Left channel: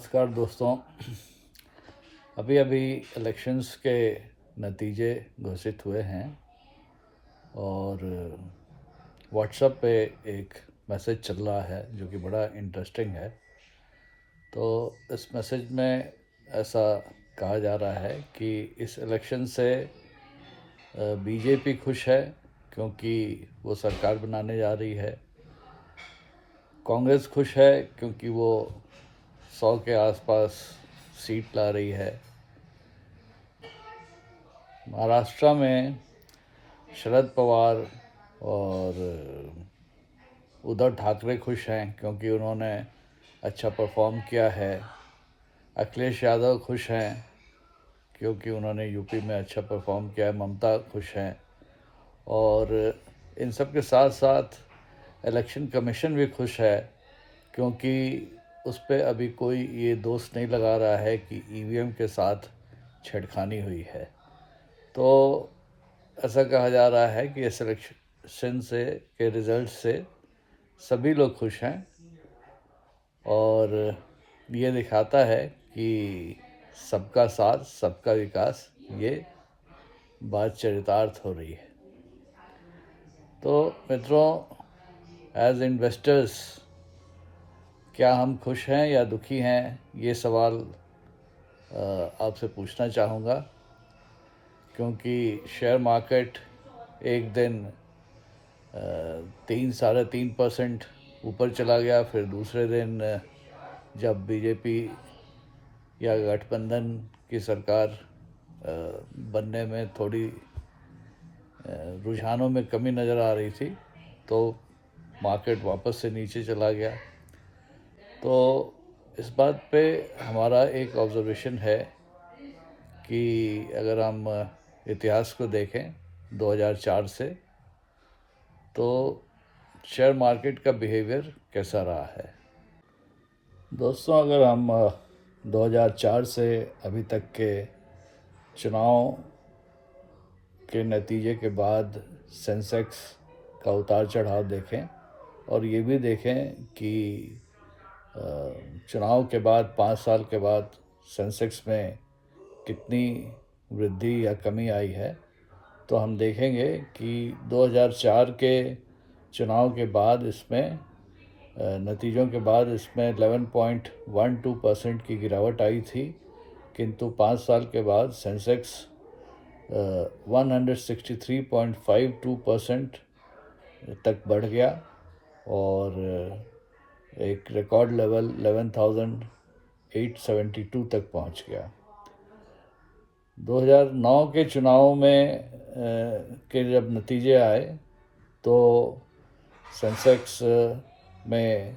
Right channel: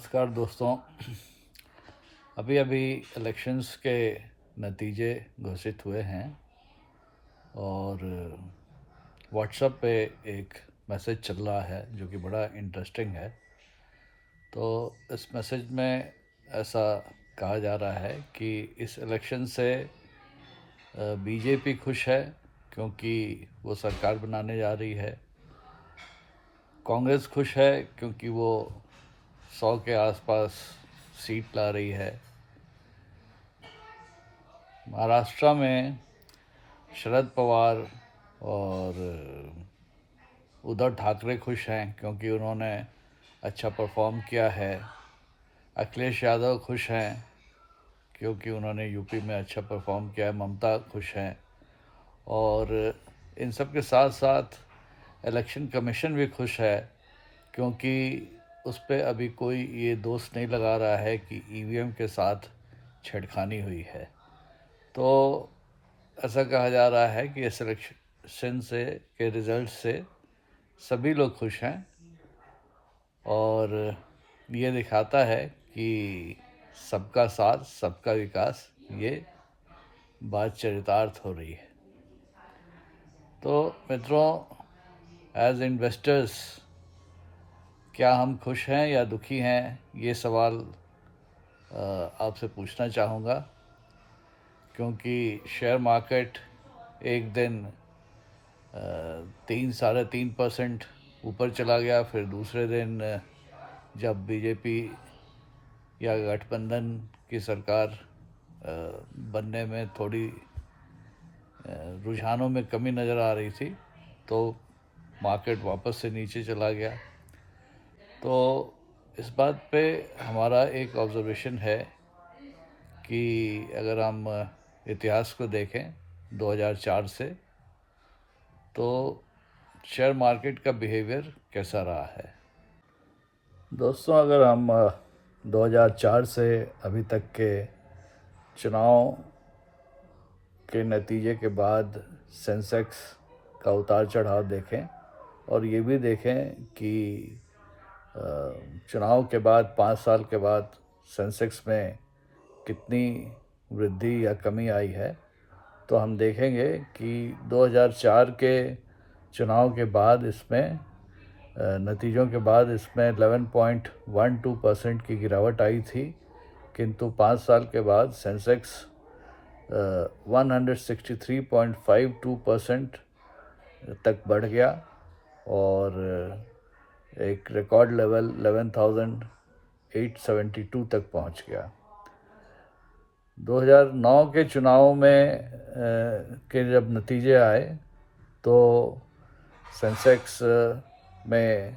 नमस्कार दोस्तों। अभी अभी इलेक्शंस के नतीजे घोषित हुए हैं और व्हाट्सएप पे एक मैसेज चल रहा है जो कि बड़ा इंटरेस्टिंग है। तो इस मैसेज में ऐसा कहा जा रहा है कि इस इलेक्शन से बीजेपी खुश है क्योंकि वो सरकार बनाने जा रही है। कांग्रेस खुश है क्योंकि वो 100 के आसपास सीट ला रही है। महाराष्ट्र में शरद पवार और उद्धव ठाकरे खुश हैं क्योंकि उन्होंने अच्छा परफॉर्म किया है। अखिलेश यादव खुश हैं क्योंकि उन्होंने यूपी में अच्छा परफॉर्म किया है। ममता खुश हैं और इन सब के साथ साथ इलेक्शन कमीशन भी खुश है क्योंकि उस पर अभी कोई ये दोष नहीं लगा रहा है कि ईवीएम के साथ छेड़खानी हुई है। तो ऐसा कहा जा रहा है कि इस इलेक्शन से के रिज़ल्ट से सभी लोग खुश हैं और ये दिखाता है कि सबका साथ सबका विकास ये बात चरितार्थ हो रही है। तो मित्रों, एज इन्वेस्टर्स क्या हम खुश हैं या दुखी हैं, ये सवाल आपसे पूछना चाहूँगा क्योंकि शेयर मार्केट एक दिन 3-3.5% ऊपर चला गया। फिर दूसरे दिन जब बीजेपी या गठबंधन की सरकार बनने में थोड़ी रुझानों में कमी नज़र आ रही थी तो मार्केट वापस से नीचे चला गया। तो इस बात पे हमारा एक ऑब्जर्वेशन है कि अगर हम इतिहास को देखें 2004 से, तो शेयर मार्केट का बिहेवियर कैसा रहा है। दोस्तों, अगर हम 2004 से अभी तक के चुनाव के नतीजे के बाद सेंसेक्स का उतार चढ़ाव देखें और ये भी देखें कि चुनाव के बाद 5 साल के बाद सेंसेक्स में कितनी वृद्धि या कमी आई है, तो हम देखेंगे कि 2004 के चुनाव के बाद इसमें नतीजों के बाद इसमें 11.12% की गिरावट आई थी, किंतु 5 साल के बाद सेंसेक्स 163.52% तक बढ़ गया और एक रिकॉर्ड लेवल 11,872 तक पहुंच गया। 2009 के चुनाव में के जब नतीजे आए तो सेंसेक्स में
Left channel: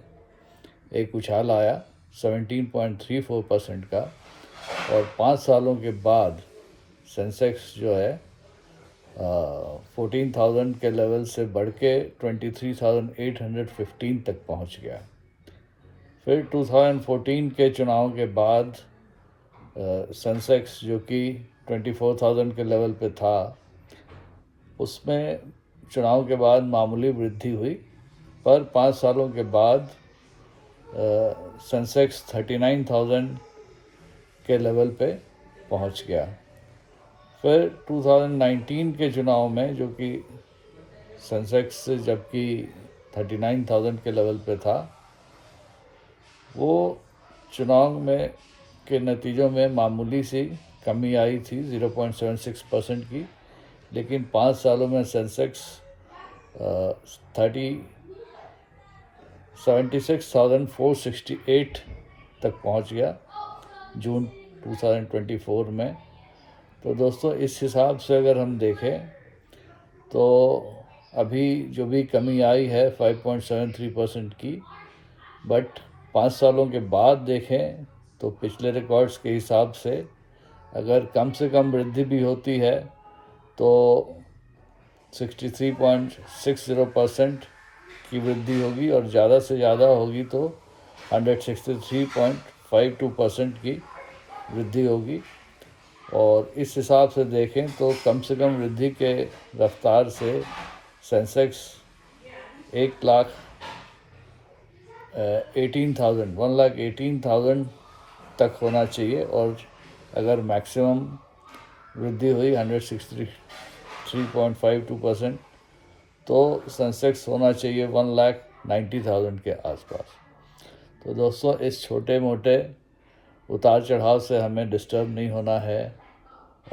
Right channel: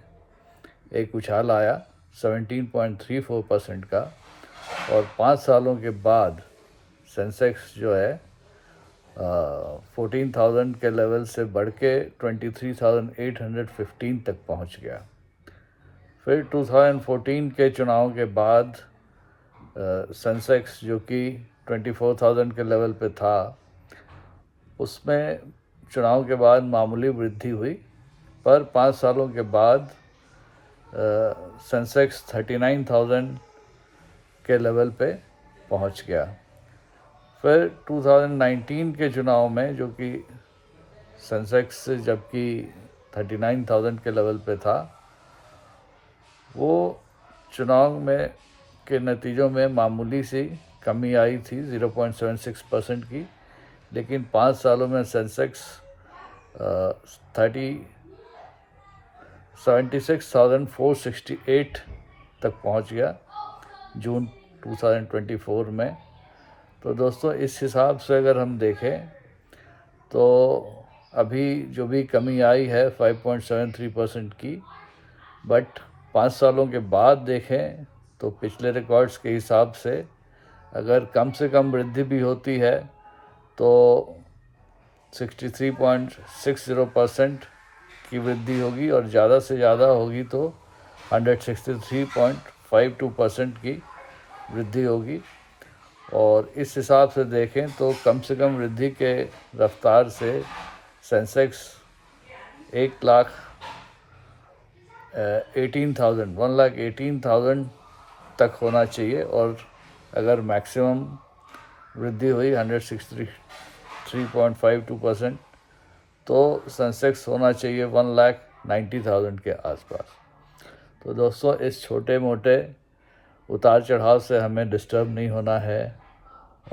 एक उछाल आया 17.34% का और 5 सालों के बाद सेंसेक्स जो है 14,000 के लेवल से बढ़ के 23,815 तक पहुंच गया। फिर 2014 के चुनाव के बाद सेंसेक्स जो कि 24,000 के लेवल पे था, उसमें चुनाव के बाद मामूली वृद्धि हुई, पर 5 सालों के बाद सेंसेक्स 39,000 के लेवल पे पहुंच गया। फिर 2019 के चुनाव में जो कि सेंसेक्स जबकि 39,000 के लेवल पे था, वो चुनाव में के नतीजों में मामूली सी कमी आई थी 0.76% की, लेकिन 5 सालों में सेंसेक्स 76,468 तक पहुंच गया जून 2024 में। तो दोस्तों, इस हिसाब से अगर हम देखें तो अभी जो भी कमी आई है 5.73% की, बट 5 सालों के बाद देखें तो पिछले रिकॉर्ड्स के हिसाब से अगर कम से कम वृद्धि भी होती है तो 63.60% की वृद्धि होगी और ज़्यादा से ज़्यादा होगी तो 163.52% की वृद्धि होगी। और इस हिसाब से देखें तो कम से कम वृद्धि के रफ्तार से सेंसेक्स 1,18,000 1,18,000 तक होना चाहिए, और अगर मैक्सिमम वृद्धि हुई 163.52%, तो सेंसेक्स होना चाहिए 1,90,000 के आसपास। तो दोस्तों, इस छोटे मोटे उतार चढ़ाव से हमें डिस्टर्ब नहीं होना है,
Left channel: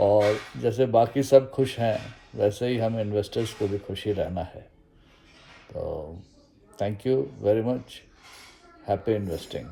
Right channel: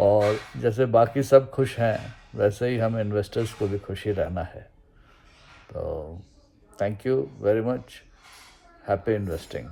और जैसे बाकी सब खुश हैं वैसे ही हम इन्वेस्टर्स को भी खुशी रहना है। तो thank you very much, happy investing.